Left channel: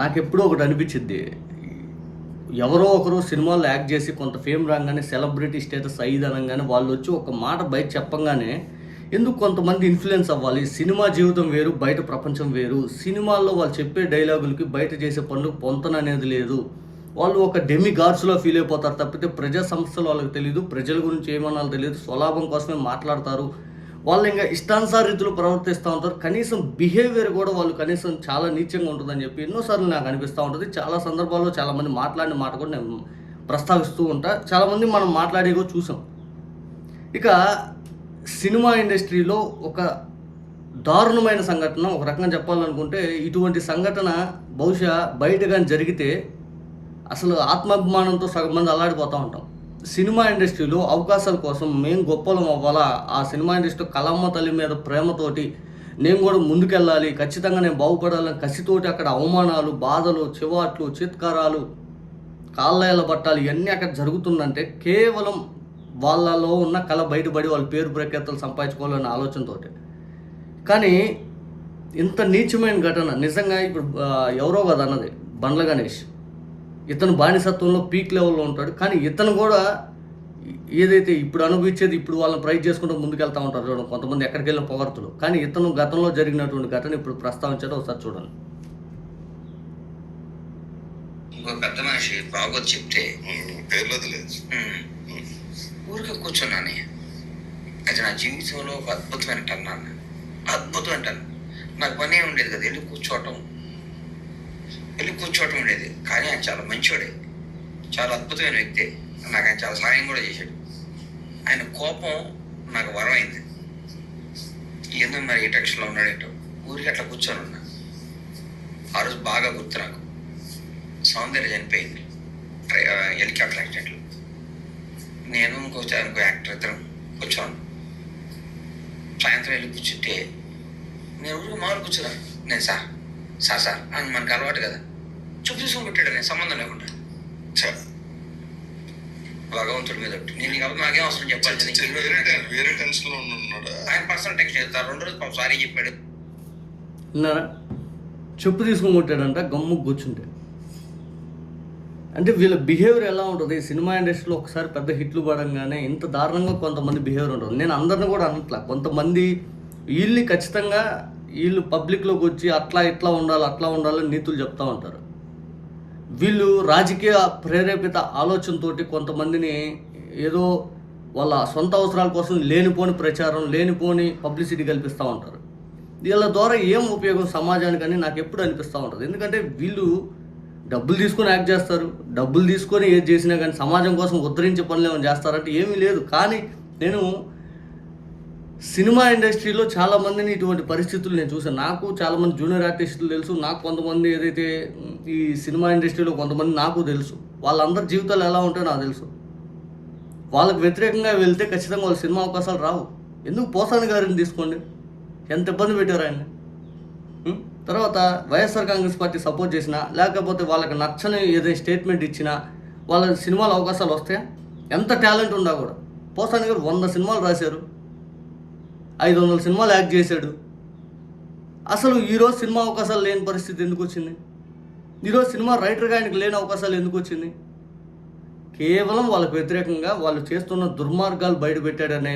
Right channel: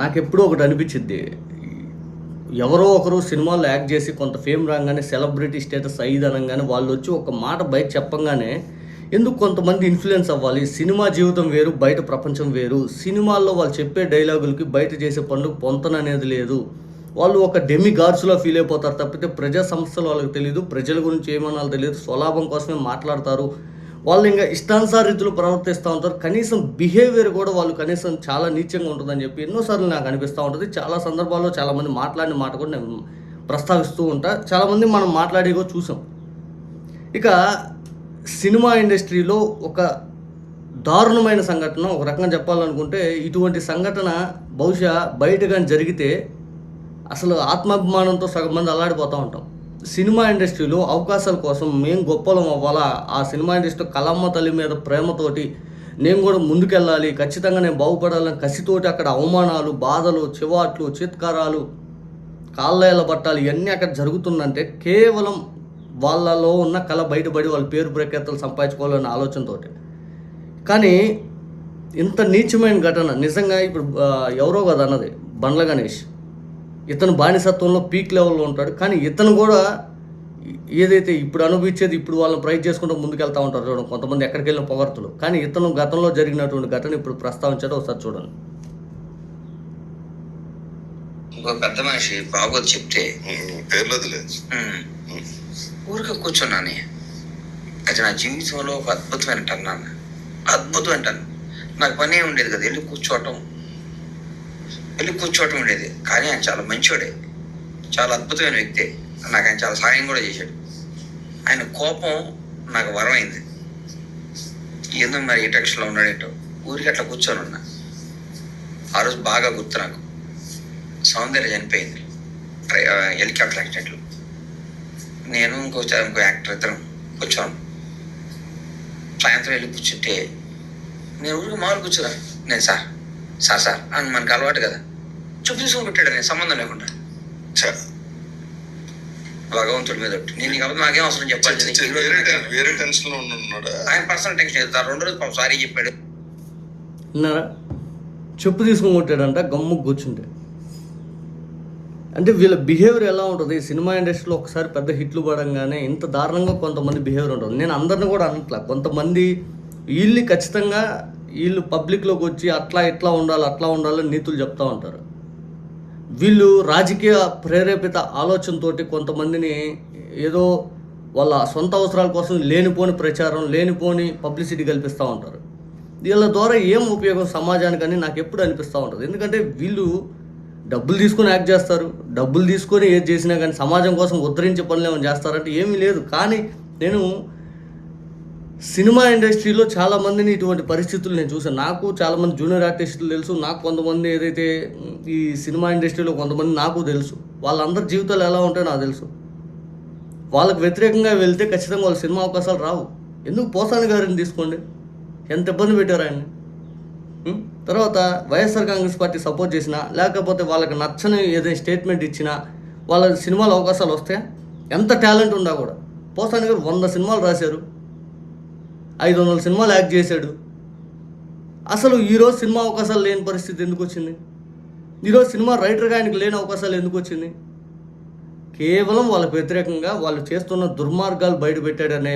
నాకెప్పుడూ ఒకటి అనిపించిద్ది. ఎవరో ఒకరు సినిమాల్లో యాక్ట్ చేసి కొంత ఫేమ్ రాగానే సెలబ్రిటీ స్టేటస్ అయ్యిది అనంగానే వాళ్ళొచ్చి ఒక మాట బయట చెప్పంగానే ఎందుకు కొంతమంది ఇన్‌ఫ్లుయెన్స్ అవ్వాలి? సినిమా జీవితం వేరు, బయట ప్రపంచం వేరు. సినిమాల్లో వాళ్ళు చెప్పే డైలాగులకి, బయట చేసే పనులకు పొంతననేది లేదు. వాళ్ళు ఒక డెమి గాడ్స్‌లా ఫీల్ అయిపోతారు తప్పితే ప్రజా సమస్యలు వాళ్ళకి తెలీదు. ప్రజల గురించి ఏమనాలో తెలీదు. స్వలాభం కోసమే మాట్లాడతారు. వాళ్ళు ఇంక ఇష్టానుసార రీతిలో ప్రవర్తిస్తూ ఉంటారు. కనీసం బిహేవియర్ కూడా వాళ్ళు కనీసం చాలా నీచంగా ఉంటుందని చెప్పి ఎన్నో సార్లు నాకు అనిపిస్తూ ఉంటది. చాలా సందర్భాల్లో చాలామంది మాట్లాడిన మాట కూడా నేను ప్రస్తావిస్తూ ఉంటా. చాలామంది మనం మాట్లాడి కూడా చూసాం. ఇక సినిమా ఇండస్ట్రీలో ఒక దారుణమైన సంఘటన, ఒక రకంగా చెప్పాలనుకుంటే ఇటువంటి సంఘటన బహుశా బయట గాని జరిగితే అసలు ఆత్మాభిమానంతో సగం మంది అల్లాడిపోతూ ఉంటాం. సినిమా ఇండస్ట్రీలో అవకాశాల కోసం మేము గొప్పలం అవ్వాలా, ఆ సినిమా ఇండస్ట్రీ కళమ్మ తల్లి మీద ప్రేమతోటి నేను కూడా ముందుకెళ్ళాలి, ఖచ్చితంగా నేను బాగుపడాలని కసితోటి అక్కడ అవమానాలు, బాధలు, చివాట్లు, చిత్కారాలు, కాళ్ళేళ్ళ పట్టాలు ఇవన్నీ అక్కడ జరుగుతుందంటే కేవలం వాళ్ళలో ఉన్న కళ బయటపడి వాళ్ళ పేరు ప్రఖ్యాతలు సంపాదించుకోవాలనే ఆలోచనతోటి. కానీ ఇంత నీచమైన ఘటన నిజంగా ఇప్పుడు ఎవరో కదా అన్నది బండ్ల గణేష్. ఇతను బానిసత్వంలో పీక్ లెవెల్లో ఉంటాడు. కానీ ఇతను కూడా ఏదైతే ఇప్పుడు అనుభవించేది ఇప్పుడు వాళ్ళని ప్రైజ్ చేసుకుంటూ ముందుకెళ్తూ ఉంటారు చూడండి కొంతమంది ఎక్కడికి వెళ్ళిన పొగర్తులు. కానీ ఇతను గతంలో జరిగినటువంటి ఘటన ఇప్పుడు ప్రస్తావించాడు, ఒకసారి చూడండి. ఇంకో పెద్ద మనిషి బాగోదు చెప్తే ఊరికే కూర్చున్నాను. అది నా జీవితంలో ఒక అద్భుతమైన టర్న్ అన్న, అద్భుతమైన టర్న్. నాకు పని ఉండేది కదా, వెళ్ళి కూర్చోవటం ఉండేది. కానీ ఆయన చాలా మంచివాడే, చాలా అద్భుతమైన వ్యక్తి. నాకు ఆయన చాలా సాయం కూడా చేశాడు. ఆయన కోపం నాకు వరం అయింది. ఎందుకు మరి ఏ టెక్షన్లో ఉన్నాడేంటో ఊరికి అట్లా కూర్చొని ఉన్నా. ఆ రోజు బాగా గుర్తు నాకు, సౌందర్య చనిపోయింది హెలికాప్టర్ యాక్సిడెంట్లో. నేను ఇంకో యాక్టర్ ఇద్దరం కూర్చోను. సాయంత్రం వెళ్ళి కూర్చుంటే నేను ఊరికి మామూలు కూర్చోరా, నేను సార్ అని మనకు అలవాటు కదా, చూపు చూసుకొని పెట్టాడు. నేను సంబంధం లేకుండా భగవంతుడి మీద నేను కాబట్టి నాకేం అవసరం చెప్పాలి. ఆయన పర్సనల్ టెన్షన్ అవుతారు. 2 రోజులు సారీ చెప్పాడు. విన్నారా? చెప్పు తీసుకొని కొట్టాడంట గమ్ము కూర్చుంటే. అంటే వీళ్ళ బిహేవియర్ ఎలా ఉంటుంది సినిమా ఇండస్ట్రీలో? ఒకసారి పెద్ద హిట్లు పడంగానే ఇంత దారుణంగా కొంతమంది బిహేవియర్ ఉంటుంది. నేను అందరిని కూడా అనట్లా, కొంతమంది వీళ్ళు ఖచ్చితంగా వీళ్ళు పబ్లిక్లోకి వచ్చి అట్లా ఇట్లా ఉండాలి అట్లా ఉండాలని నీతులు చెప్తూ ఉంటారు. వీళ్ళు రాజకీయ ప్రేరేపిత ఆలోచనతోటి కొంతమందిని ఏదో వాళ్ళ సొంత అవసరాల కోసం లేనిపోని ప్రచారం, లేనిపోని పబ్లిసిటీ కల్పిస్తూ ఉంటారు. వీళ్ళ ద్వారా ఏం ఉపయోగం సమాజానికని నాకు ఎప్పుడు అనిపిస్తూ ఉంటుంది. ఎందుకంటే వీళ్ళు డబ్బులు తీసుకొని యాక్ట్ చేస్తారు, డబ్బులు తీసుకొని ఏది చేసినా కానీ సమాజం కోసం ఉద్ధరించే పనులు ఏమైనా చేస్తారంటే ఏమీ లేదు. కానీ నేను సినిమా ఇండస్ట్రీలో చాలామందిని ఇటువంటి పరిస్థితులు నేను చూసాను. నాకు చాలామంది జూనియర్ ఆర్టిస్టులు తెలుసు, నాకు కొంతమంది ఏదైతే ఈ సినిమా ఇండస్ట్రీలో కొంతమంది నాకు తెలుసు. వాళ్ళందరి జీవితాలు ఎలా ఉంటాయో నాకు తెలుసు. వాళ్ళకు వ్యతిరేకంగా వెళ్తే ఖచ్చితంగా వాళ్ళ సినిమా అవకాశాలు రావు. ఎందుకు పోసాని గారిని తీసుకోండి, ఎంత ఇబ్బంది పెట్టారు ఆయన్ని. తర్వాత వైఎస్ఆర్ కాంగ్రెస్ పార్టీ సపోర్ట్ చేసినా లేకపోతే వాళ్ళకి నచ్చని ఏదైనా స్టేట్మెంట్ ఇచ్చినా వాళ్ళ సినిమాలో అవకాశాలు వస్తాయా? ఎంత టాలెంట్ ఉన్నా కూడా. పోసాని గారు 100 సినిమాలు రాశారు, 500 సినిమాలు యాక్ట్ చేశాడు. అసలు ఈరోజు సినిమా అవకాశాలు లేని పరిస్థితి ఎందుకు వచ్చింది? ఈరోజు సినిమా రైటర్గా ఆయనకు లేని అవకాశాలు ఎందుకు వచ్చింది? కేవలం వాళ్ళకు వ్యతిరేకంగా వాళ్ళు చేస్తున్న దుర్మార్గాలు బయటపెట్టాడనే